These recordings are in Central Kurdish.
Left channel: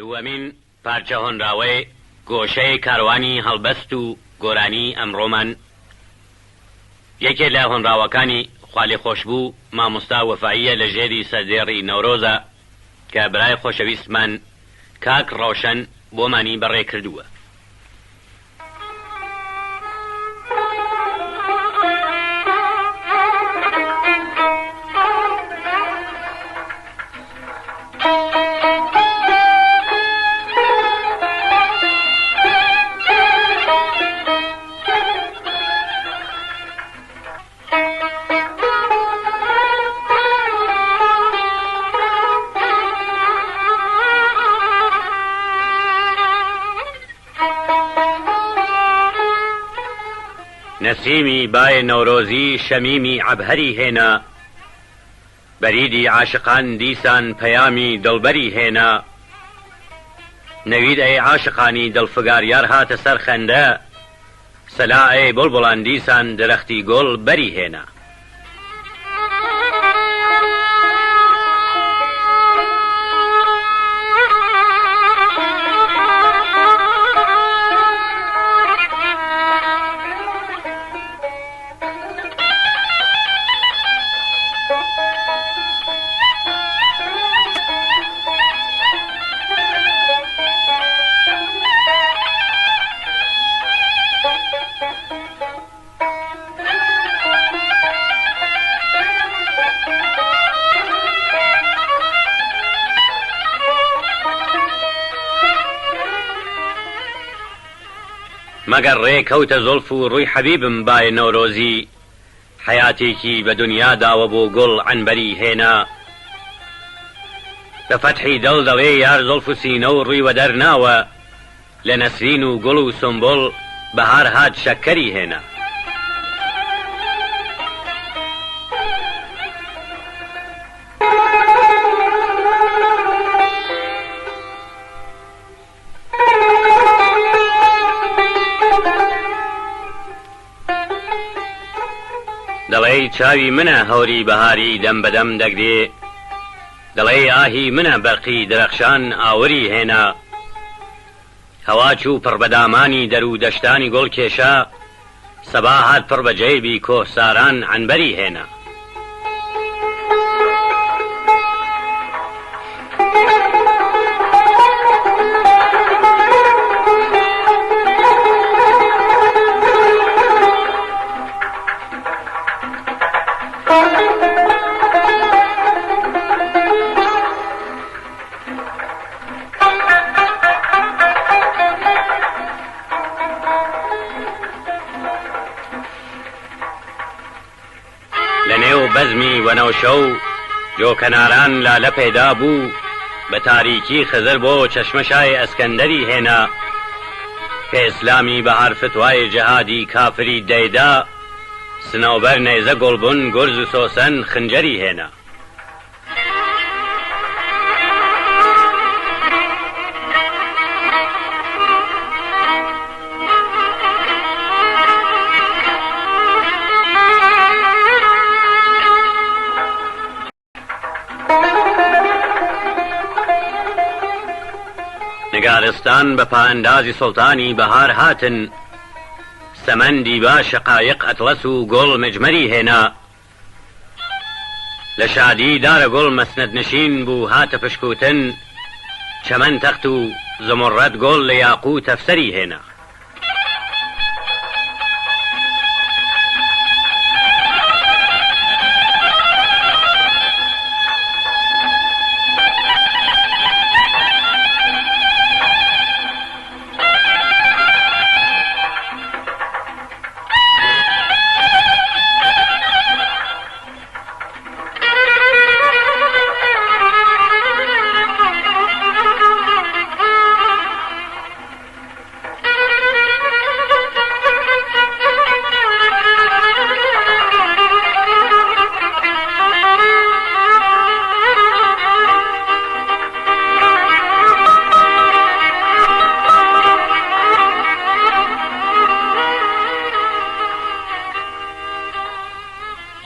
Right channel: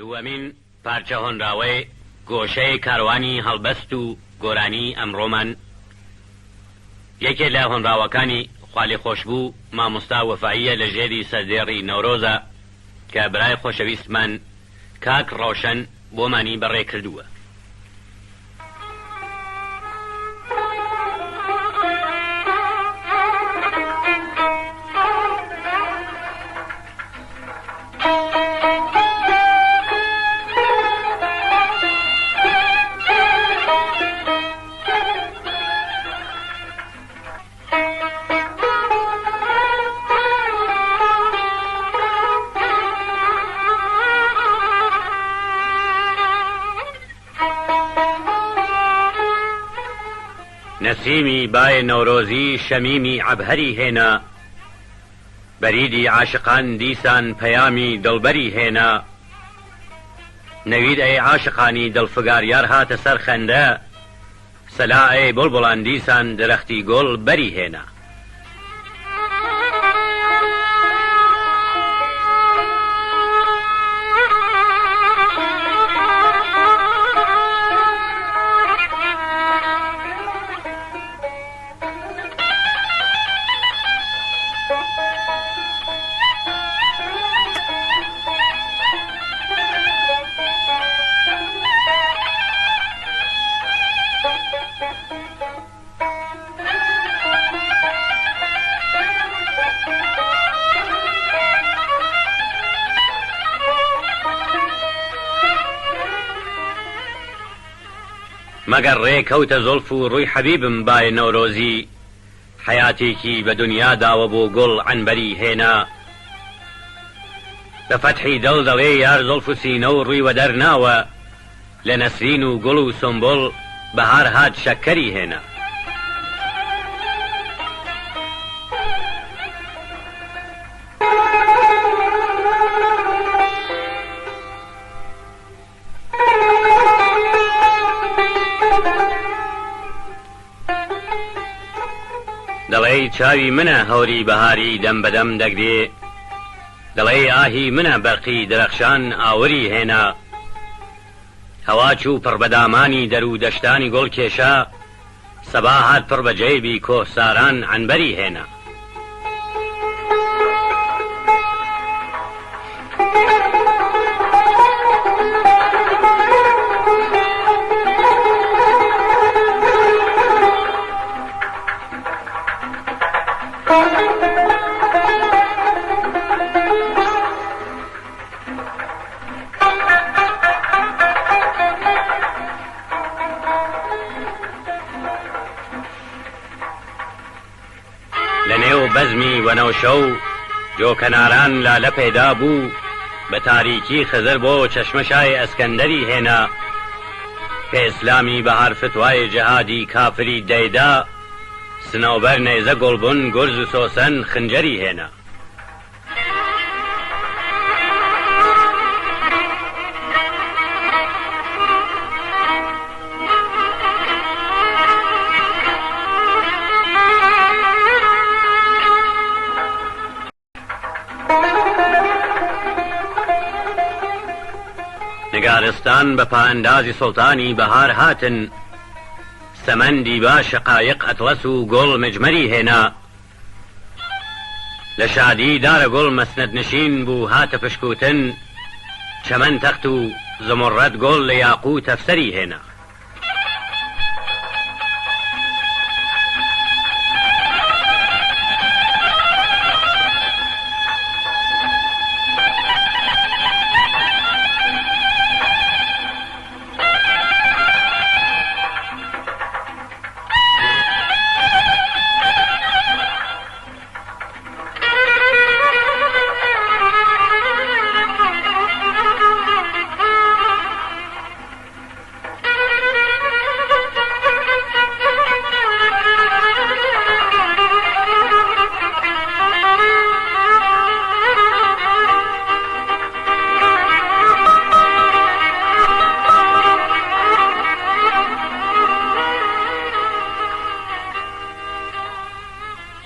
دووەمین پارچە هۆنراوەی گۆشەی کاروانی هەڵبەست و گۆرانی ئەمڕۆمان یەکێک لە هۆنراوەکانی خوالی خۆشبوو مامۆستا وەفاییە لە ژێری سەردێڕی نەورۆزە کە برای خۆشەویستمان کاک ڕەوشەن بۆمانی بەڕێ کردووە. نسیمی بای نەورۆزی شەمیمی عەبهەری هێنا، بەریدی عاشقان دیسان پەیامی دڵبەری هێنا. نەوید ئەی عاشقانی دڵفگاریار هاتە سەر خەندە، سەلا ئەی بڵبڵان دیسان درەختی گۆڵ بەری هێنا. مەگەر ڕێکەوتە زۆلف و ڕووی حەبیبم بای نەورۆزی، حەیاتێکی بە دنیا داوە بۆ گوڵ عنبەری هێنا. بە فەتحی دڵ دەڵێ یار زۆلف و سینە و ڕووی وەدەر ناوە، لە نەسرین و گوڵ و سنبڵ بەهار هات شەکەری هێنا. دەڵێی چاوی منە هەوری بەهاری دەم بەدەم دەگرێ، دەڵێی ئاهی منە بەرقی درەخشان ئاوری هێنا. هەوا چوو پڕ بەدامانی دەر و دەشتانی گوڵ کێشا، سەبا هات پڕ بە جەیبی کۆساران عنبەری هێنا. بەزمی وەنەوشە و جۆکەناران لالە پەیدا بوو، بە تاریکی خزر بۆ چەشمەشای ئەسکەندەری هێنا. کە ئیسلامی بەهار فتوای جەهادی کافری دەیدا، سنەوبەر نەیزە گوڵبوون گورز و سۆسەن خنجەری هێنا. نگارستان بە پاەندازی سوڵتانی بەهار هاتن، سەمەندی با شقایق ئەتڵەس و گوڵ مجمەری هێنا. لە شادی دارە گوڵ مەسنەد نشین بوو هاتە پشکوتن، چەمەن تەخت و زمڕەت گوڵ لە یاقووت ئەفسەری هێنا.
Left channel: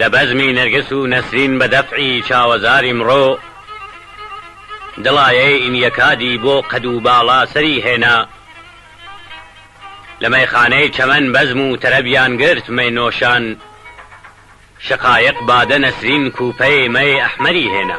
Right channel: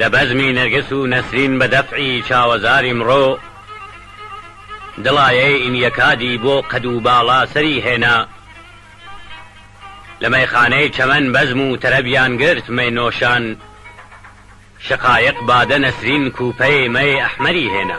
لە بەزمی نەرگس و نەسرین بە دەفعی چاوەزاری مرۆ دڵایەی ئینیەکادی بۆ قەد و باڵا سەری هێنا لە مەیخانەی چەمەن بەزم و تەرەبیان گرت مەی نۆشان شقایق بادە نەسرین کوپەی مەی ئەحمەری هێنا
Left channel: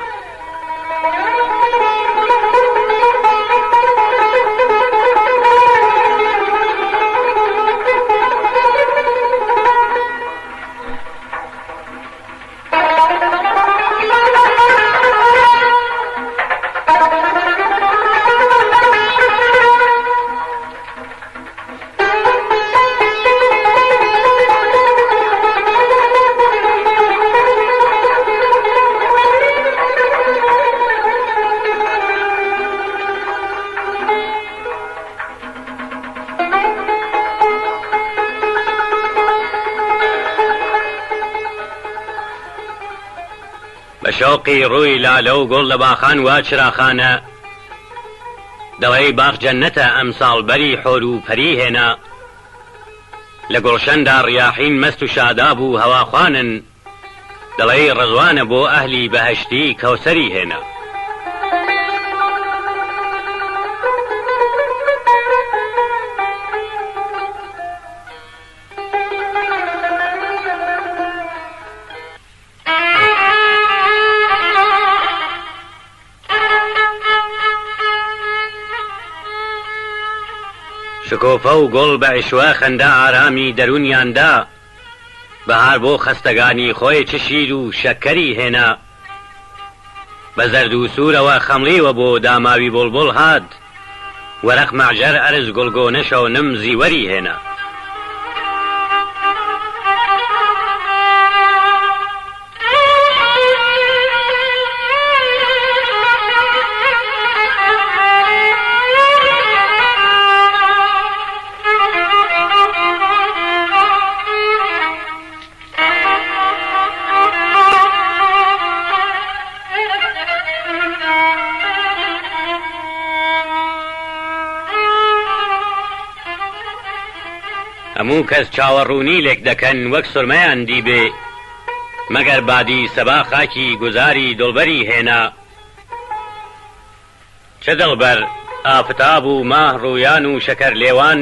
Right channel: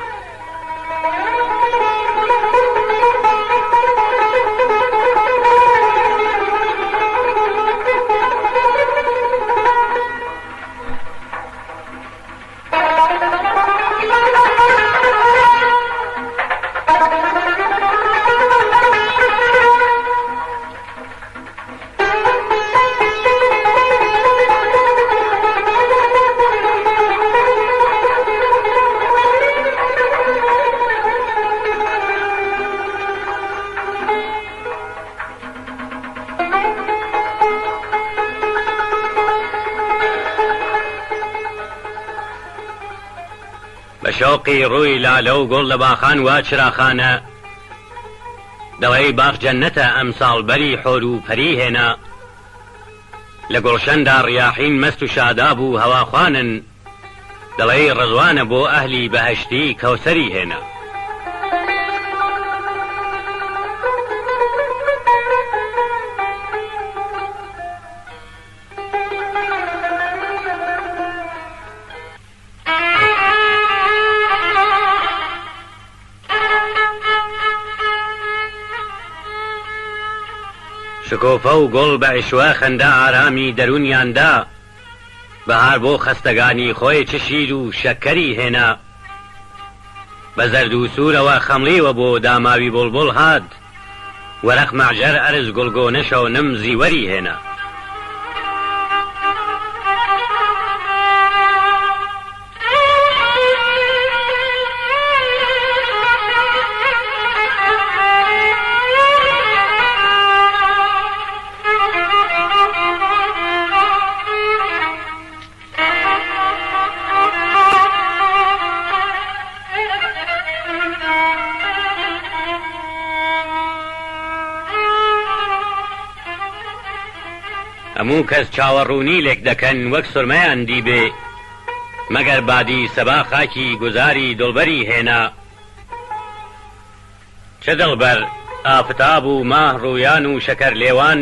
شوقی ڕووی لالە و گوڵ لە باخان وا چراخانە دەوەی باخ جەنەتە ئەمساڵ بەری حۆر و پەری هێنا لە گوڵشەندا ڕیاحین مەست و شاداب و هەواخوانن دەڵێی ڕزوانە بۆ ئەهلی بەهەشتی کەوسەری هێنا شکۆفە و گوڵ بە عیشوە خەندە ئارامی دەرونیاندا بەهار بۆ خەستەگانی خۆی چ شیر و شەکەری هێنا بە زەرد و سوورەوە خەمڵیوە بۆ داماوی بوڵبوڵ هات وەرەق مەعجەر ئەرز گوڵگۆنەشە و نم زیوەری هێنا هەموو کەس چاوەڕوونی لێک دەکەن وەک سورمەیان دیبێ مەگەر بادی سەبا خاکی گوزاری دڵبەری هێنا چ دڵبەر ئافتاب و ماه ڕوویان و شەکەر لێوان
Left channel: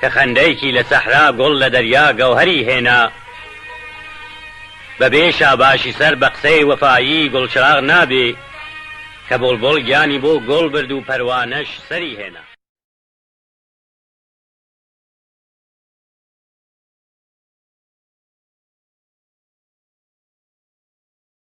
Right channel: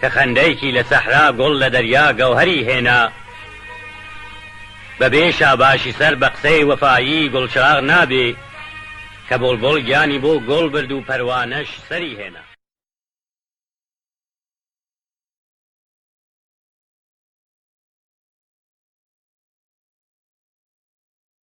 کە خەندەیەکی لە سەحرا گوڵ لە دەریا گەوهەری هێنا بەبێ شاباشی سەر بە قسەی وەفایی گوڵچراغ نابێ کە بوڵبوڵ گیانی بۆ گوڵ برد و پەروانەش سەری هێنا